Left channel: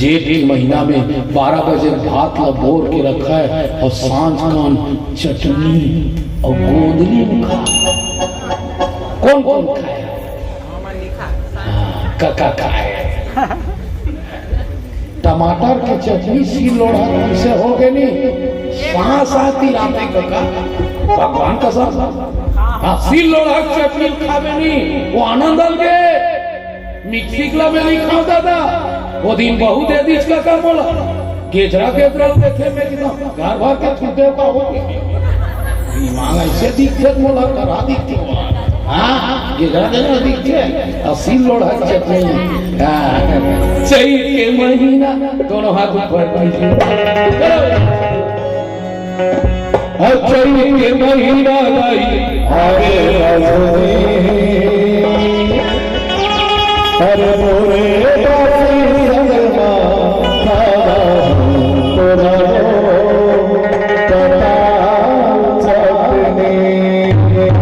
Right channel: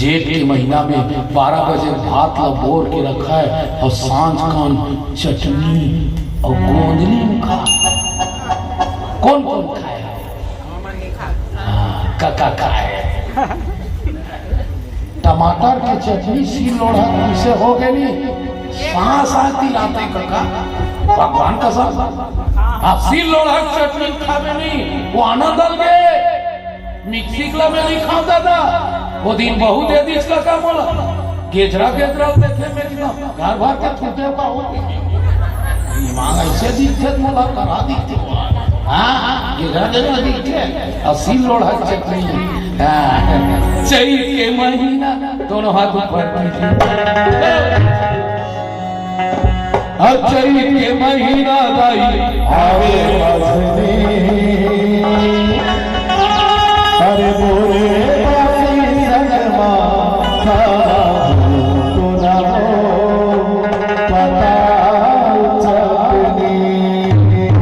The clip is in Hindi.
जेठ के महीना में 12 बजे भात लबोर के रखा है और सांझ कान चटनी और गोंदली में खा। कौन कौन खाए? काका खाए। टमाटर की चटनी सी लोढ़ा से हो गई सांस आती लाते काका भगवान का साथ सी लोढ़ा चटनी खावे नहीं वो आनंद आ गए मिक्सी में नहीं खाओ दादा वो दिन बहुत दे दी का बोला केजरा केजरा देखे में कि ना घर भर के छूटे का हो मान ऐसे दिखते मोला करा दिखते हाँ केजरा देने दिखते असी लोढ़ा चटनी चैत के महीना दोनों हाथ ऊपर चैत के महीना आवे अरे मोरे